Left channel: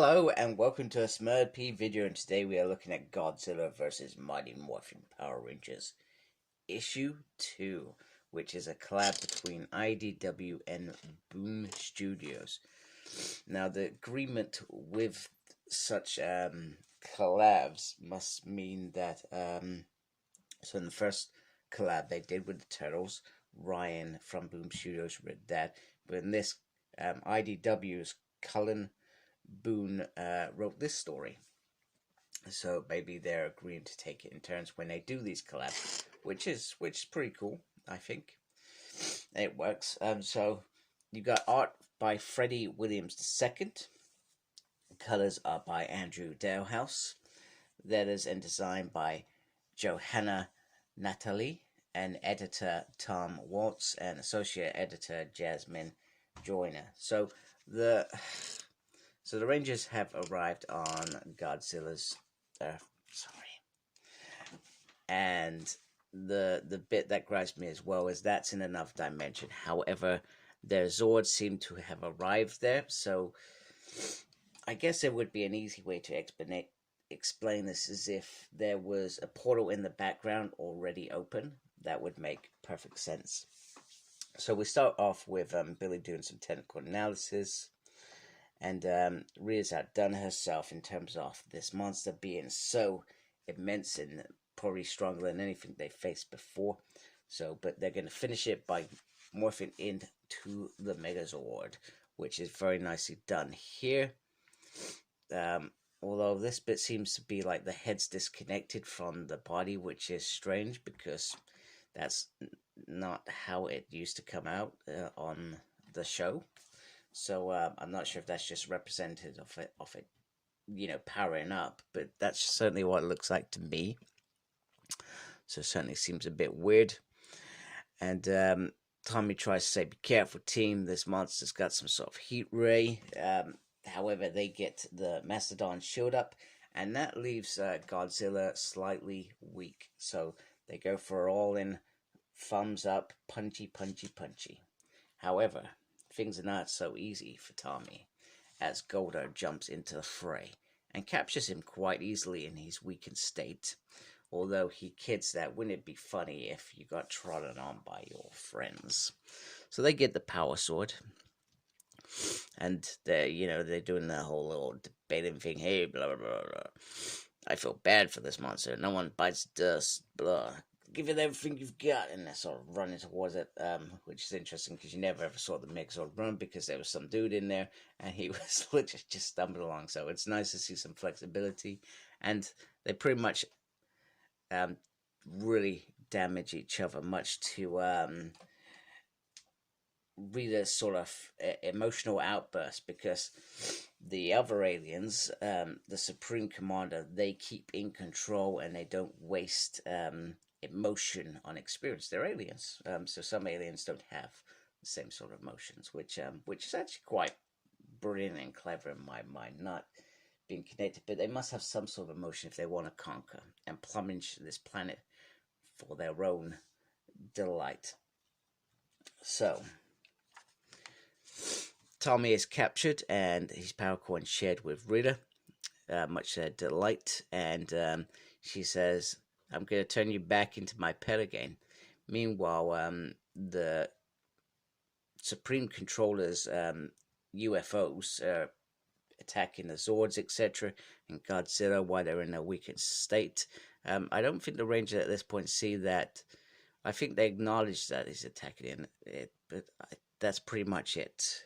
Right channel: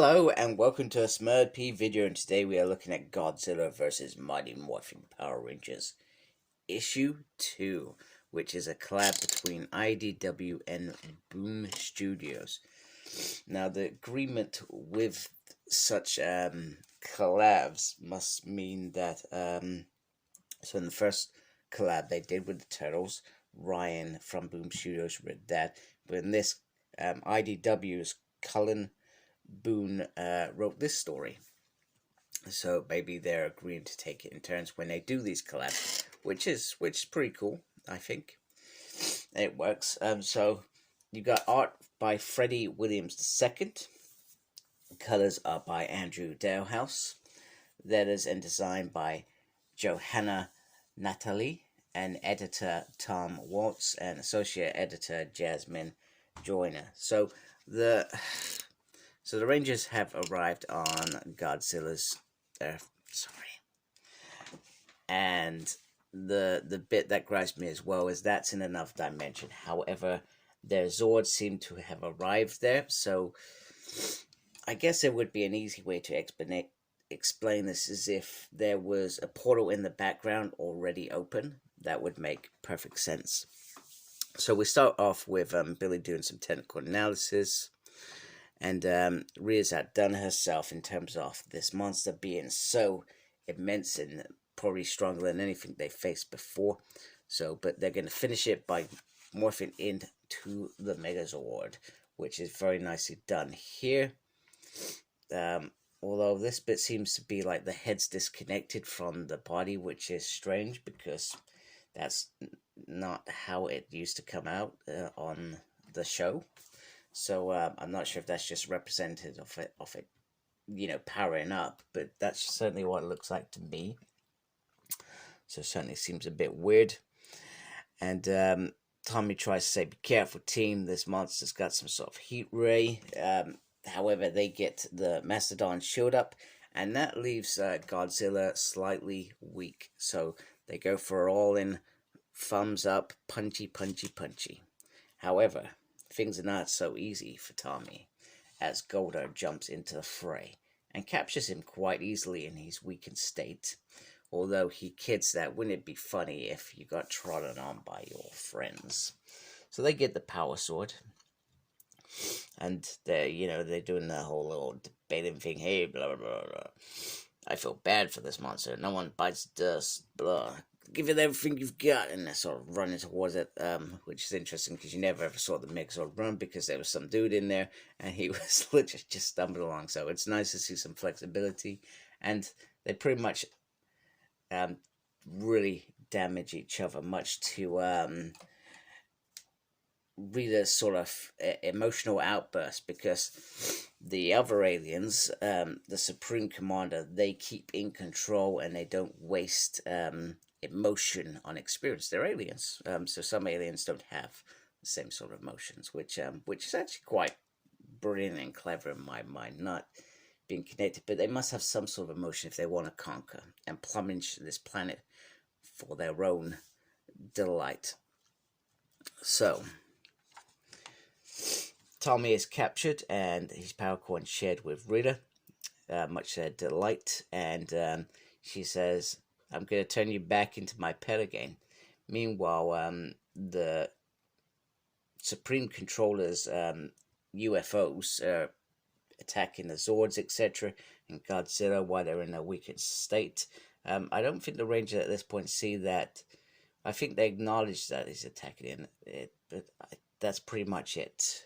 Hello and welcome to a Smurd P video, and today we are looking at Godzilla vs. Mighty Morphin Power Rangers Issue 2, which is a collab between IDW and Boom Studios. Now, the agreement with such collabs must mean that, so in the first collab they did with the Turtles, Ryan from Boom Studios read that, but in this, IDW's Cullen Boone wrote this story, so maybe they're agreeing to take it in turns when they do these collabs, which is pretty cool. I think it works. So you got art by Freddie Williams II, colors are by Andrew Dalehouse, letters and design by Johanna Natalie, and editor Tom Waltz, and associate editor Jasmine Joyner. So the Rangers have arrived on Godzilla's Earth. And the bit that gripes me as well is that's in another dimension. However, their Zords seem to have arrived there, so I guess it would be an easy way to explain this as if there was a portal in the background already open. That would make perfect sense. So we start off with Billy doing some technical analysis. And Rhea's outdone herself in terms of this monster being so immense and probably stronger than anything they faced before. So, but they're going to finish it by morphing into the Megazord, which is very nicely done here. Although this bit seems to be like the head's disconnected from the body, which is strange because that's not how it used to come out on the show. So I'm not sure if that's just representative of it, powering up, but that's certainly what it looks like to me. So it certainly seems a bit weird. And Tommy tries to say, "Be careful, team. This monster's got some sort of heat ray." However, they get the Mastodon shield up, and that leaves Godzilla slightly weak. So they go for all-in, thumbs up, punchy, punchy, punchy. However, things are not so easy for Tommy, as Golder jumps into the fray and captures him quite easily in his weakened state, although he kids that wouldn't it be funny if you got trodden on by your friends. So they get the power sword, and they're doing that whole little debating thing. Hey, blah, blah, blah. I feel bad for this monster. No one bites dust, blah. Give it everything you've got, and they're sort of running towards it, which is interesting because you never ever saw the Megazord run because there was some dude in there and he was literally just stumbling along. So it's nice to see some flexibility, and they pretty much really damage each other, much to Rita's sort of emotional outburst, because the other aliens, the Supreme Commander, they keep in control and they don't waste emotion on experience. They're aliens, so some aliens don't have the same sort of emotions, which is actually quite brilliant and clever in my mind, not being connected, but they must have some sort of emotion if they want to conquer and plumage this planet for their own delight. So Tommy is captured and his power coin shared with Rita, much to their delight, and she says, "I'm going to turn you back into my pet again." Meanwhile, the Supreme Controller's UFOs are attacking the Zords, etc., and Godzilla while they're in a weakened state. I don't think the Rangers at this point see that. I think they acknowledge that he's attacking it, but that's pretty much it.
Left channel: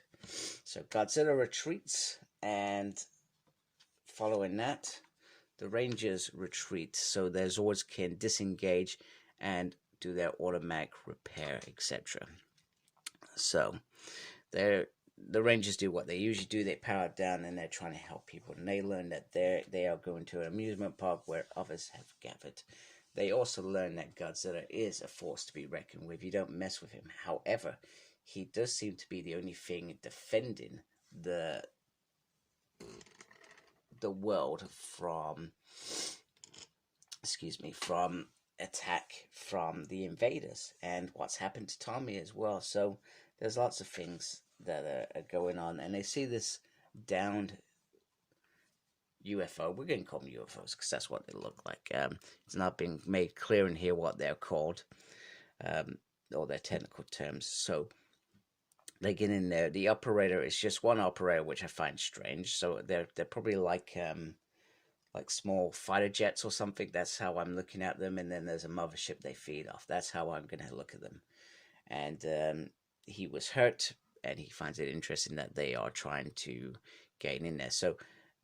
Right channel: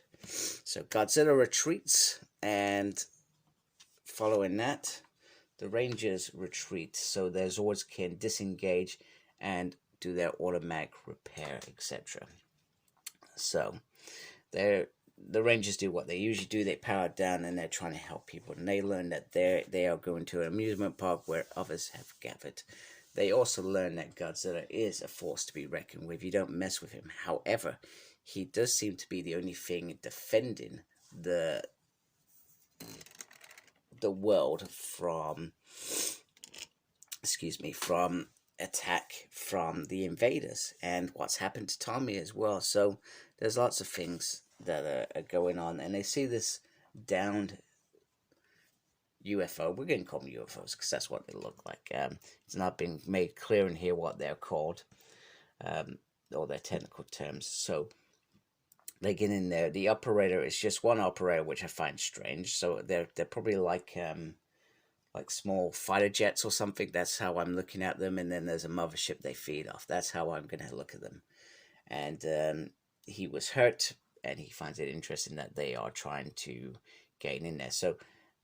So Godzilla retreats, and following that, the Rangers retreat so their Zords can disengage and do their automatic repair, etc. So the Rangers do what they usually do. They power down and they're trying to help people, and they learn that they are going to an amusement park where others have gathered. They also learn that Godzilla is a force to be reckoned with. You don't mess with him. However, he does seem to be the only thing defending the world from attack from the invaders, and what's happened to Tommy as well. So there's lots of things that are going on, and they see this downed UFO. We're going to call them UFOs because that's what they look like. It's not been made clear in here what they're called, or their technical terms. So they get in there. The operator is just one operator, which I find strange. So they're probably like small fighter jets or something. That's how I'm looking at them. And then there's a mothership they feed off. That's how I'm going to look at them. And he was hurt, and he finds it interesting that they are trying to gain in there. So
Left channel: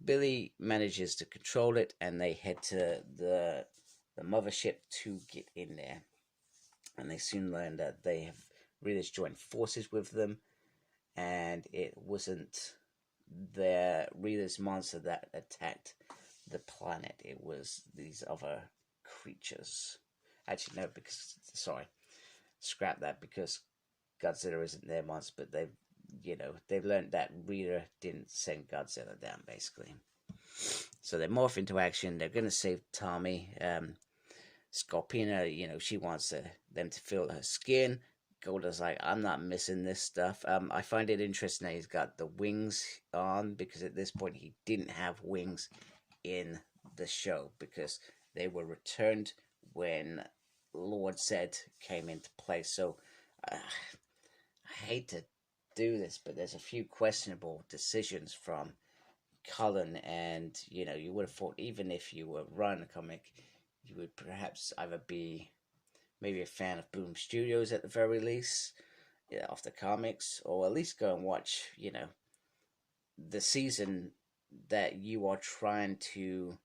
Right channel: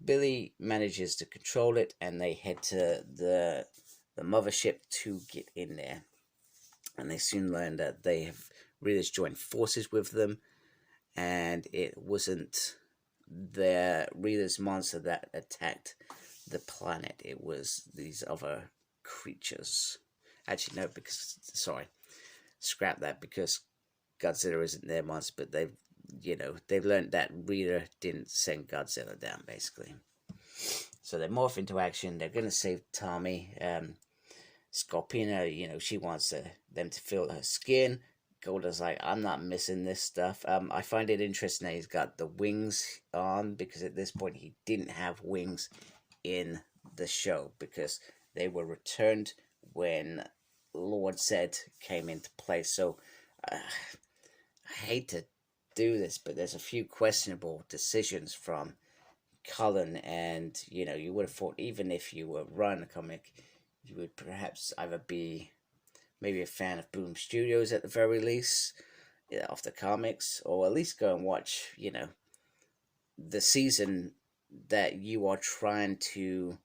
Billy manages to control it, and they head to the mothership to get in there. And they soon learn that they have really joined forces with them, and it wasn't the Reader's monster that attacked the planet. It was these other creatures. Actually, no, because, sorry, scrap that, because Godzilla isn't their monster, but they've learned that Reader didn't send Godzilla down, basically. So they morph into action. They're going to save Tommy. Scorpina, she wants them to feel her skin. Golda's like, I'm not missing this stuff. I find it interesting that he's got the wings on, because at this point he didn't have wings in the show, because they were returned when Lord Zed came into play. So I hate to do this, but there's a few questionable decisions from Cullen, and you would have thought, even if you were running a comic, you would perhaps either be maybe a fan of Boom Studios at the very least, of the comics, or at least go and watch, the season that you are trying to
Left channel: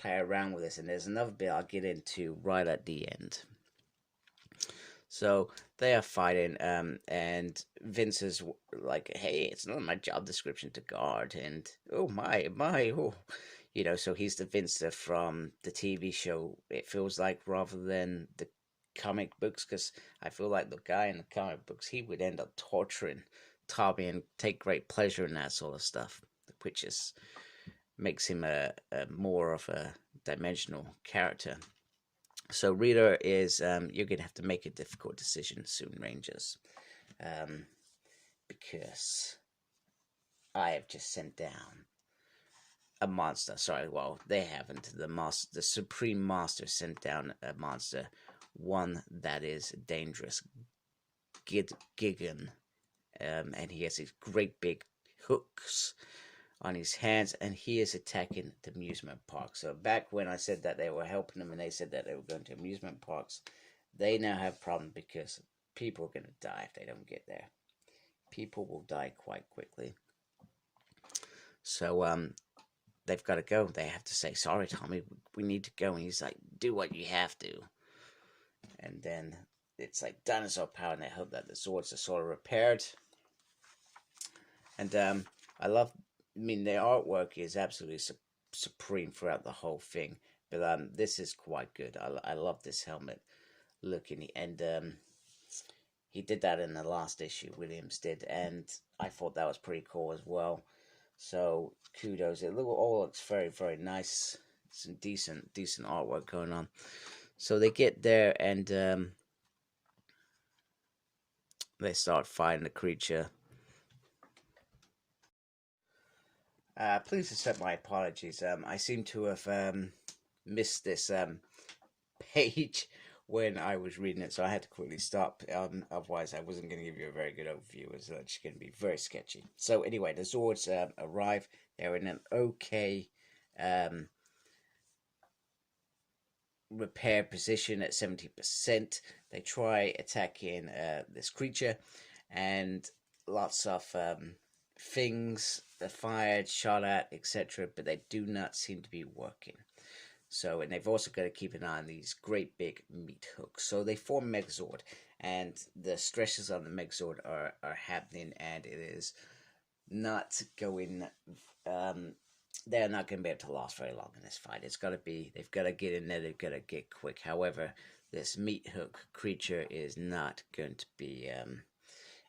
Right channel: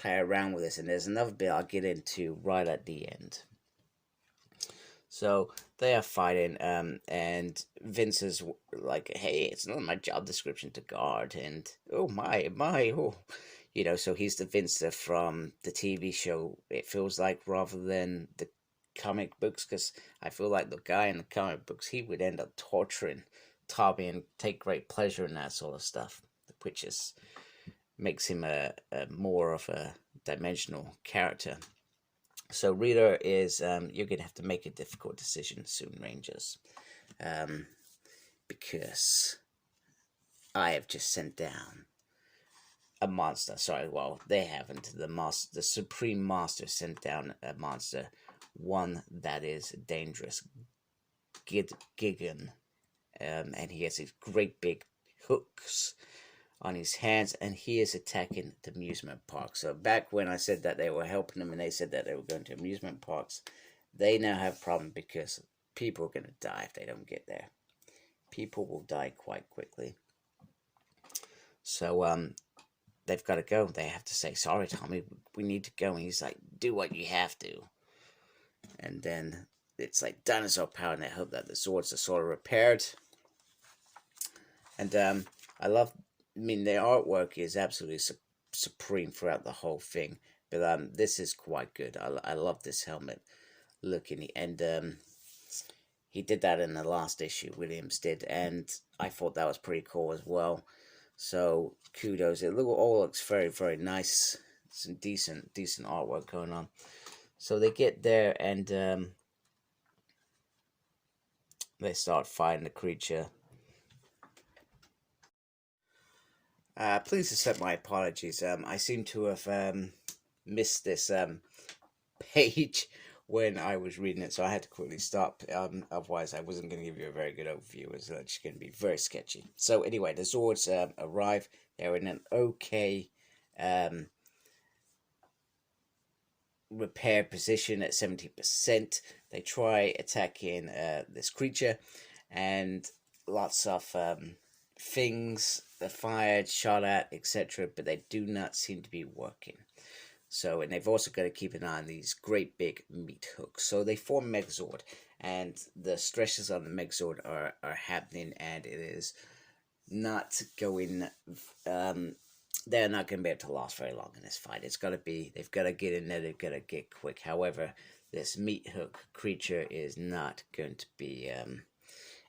play around with this. And there's another bit I'll get into right at the end. So they are fighting, and Vince is like, hey, it's not my job description to guard, and oh my, oh. So he's the Vince from the TV show, it feels like, rather than the comic books, because I feel like the guy in the comic books, he would end up torturing Tommy and take great pleasure in that sort of stuff, which makes him a more of a dimensional character. So Reader is, you're going to have to make a difficult decision soon, Rangers, because I have just sent down a monster. Sorry, well, they haven't. The Supreme Master sent down a monster, one that is dangerous, Gigan, and he has these great big hooks on his hands, and he is attacking the amusement park. So back when I said that they were helping him, and they said that they were going to amusement parks, they now have a problem, because people are going to die if they don't get there. People will die quite quickly. So they've got to go. They have to say, sorry, Tommy, we need to go. And he's like, do what you have to. And then it's like dinosaur power, and they hope that the Zords are sort of repaired. And the artwork is absolutely supreme throughout the whole thing. But this is quite good. I love this helmet looking. And he did that in the last issue, Williams did. And I thought that was pretty cool as well. So kudos. It all looks very, very nice. Some decent artwork going on. So they get there, and they start fighting the creature. Please accept my apologies. I seem to have missed this page when I was reading it, so I had to quickly stop. Otherwise, I wasn't going to give you a very good overview. It was just going to be very sketchy. So anyway, the Zords arrive. They're in an okay repair position at 70%. They try attacking this creature, and lots of things are fired, shot at, etc., but they do not seem to be working. So, and they've also got to keep an eye on these great big meat hooks. So they form Megazord, and the stresses on the Megazord are happening, and it is not going, they're not going to be able to last very long in this fight. They've got to get in there, they've got to get quick. However, this meat hook creature is not going to be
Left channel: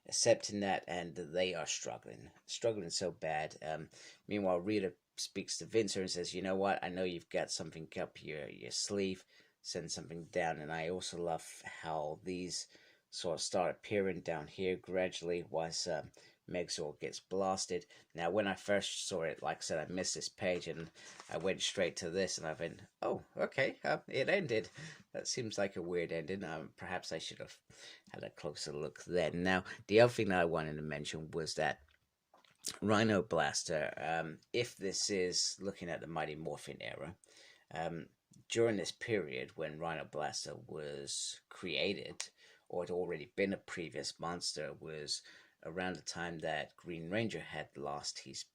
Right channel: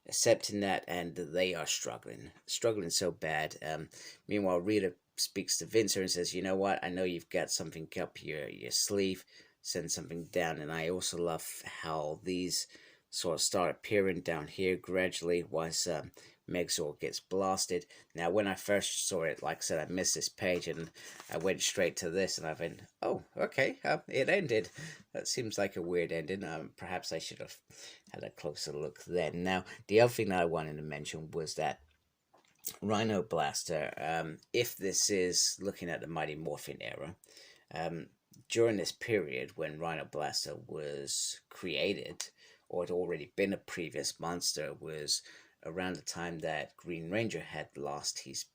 accepting that, and they are struggling so bad. Meanwhile, Rita speaks to Vince and says, you know what, I know you've got something up your sleeve, send something down. And I also love how these sort of start appearing down here gradually, once Megazord gets blasted. Now, when I first saw it, like I said, I missed this page and I went straight to this, and I went, oh, okay, it ended. That seems like a weird ending. Perhaps I should have had a closer look then. Now, the other thing that I wanted to mention was that Rhino Blaster, if this is looking at the Mighty Morphin era, um, during this period when Rhino Blaster was created, or had already been a previous monster, was around the time that Green Ranger had lost his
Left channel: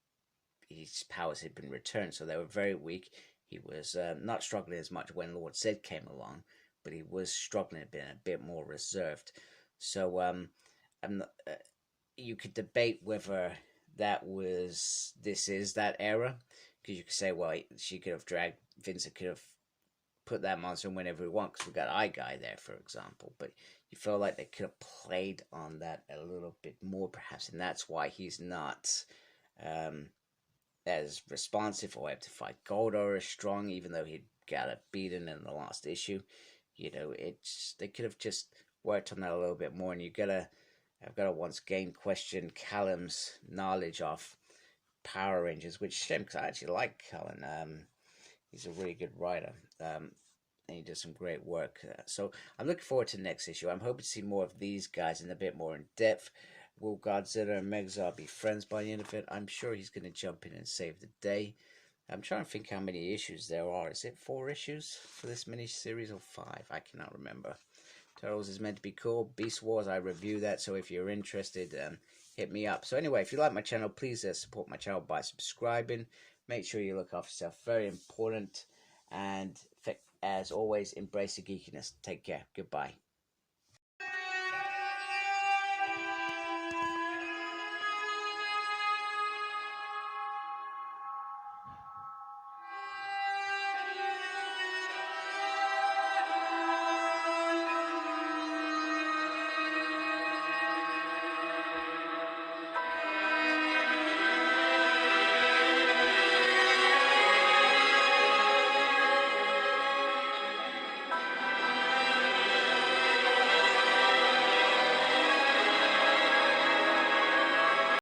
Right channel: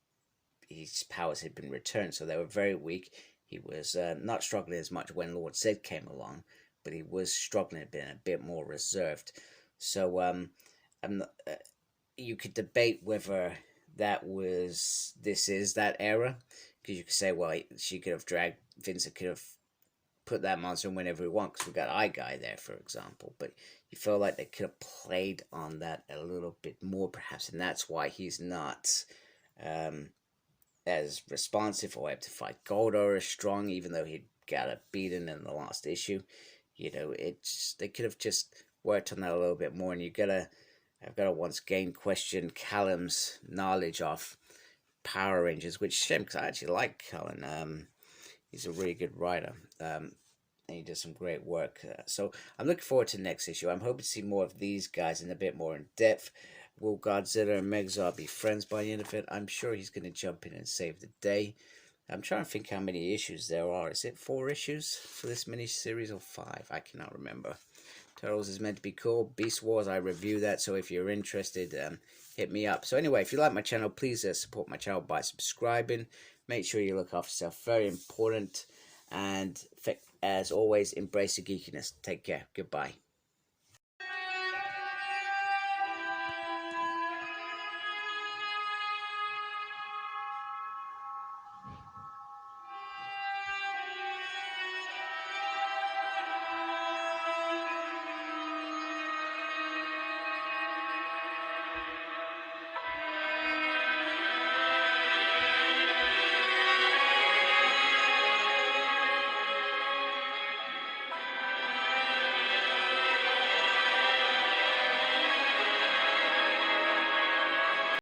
powers had been returned, so they were very weak. He was not struggling as much when Lord Zed came along, but he was struggling a bit more reserved. So you could debate whether this is that era, because you could say, well, she could have dragged Vincent could have put that monster in whenever he wants, because we got Eye Guy there, for example. But you feel like they could have played on that a little bit more, perhaps, and that's why he's not as responsive or able to fight Goldar as strong, even though he got a beating in the last issue. You know, they could have just worked on that a little bit more, and I've got to once again question Callum's knowledge of Power Rangers, which is a shame because I actually like Callum. He's a really good writer, and he does some great work. So I'm looking forward to the next issue. I'm hoping to see more of these guys in a bit more in depth. Will Godzilla and Megazord be friends by the end of it? I'm sure he's going to jump in and save the day. I'm trying to think how many issues there are. Is it 4 issues for this mini-series or 5? I cannot remember. Turtles is meant to be cool. Beast Wars, I review that, so if you're interested, hit me up. So anyway, if you like my channel, please support my channel by subscribing. Make sure you look after yourself. Very important. And as always, embrace the geekiness. Take care. Goodbye.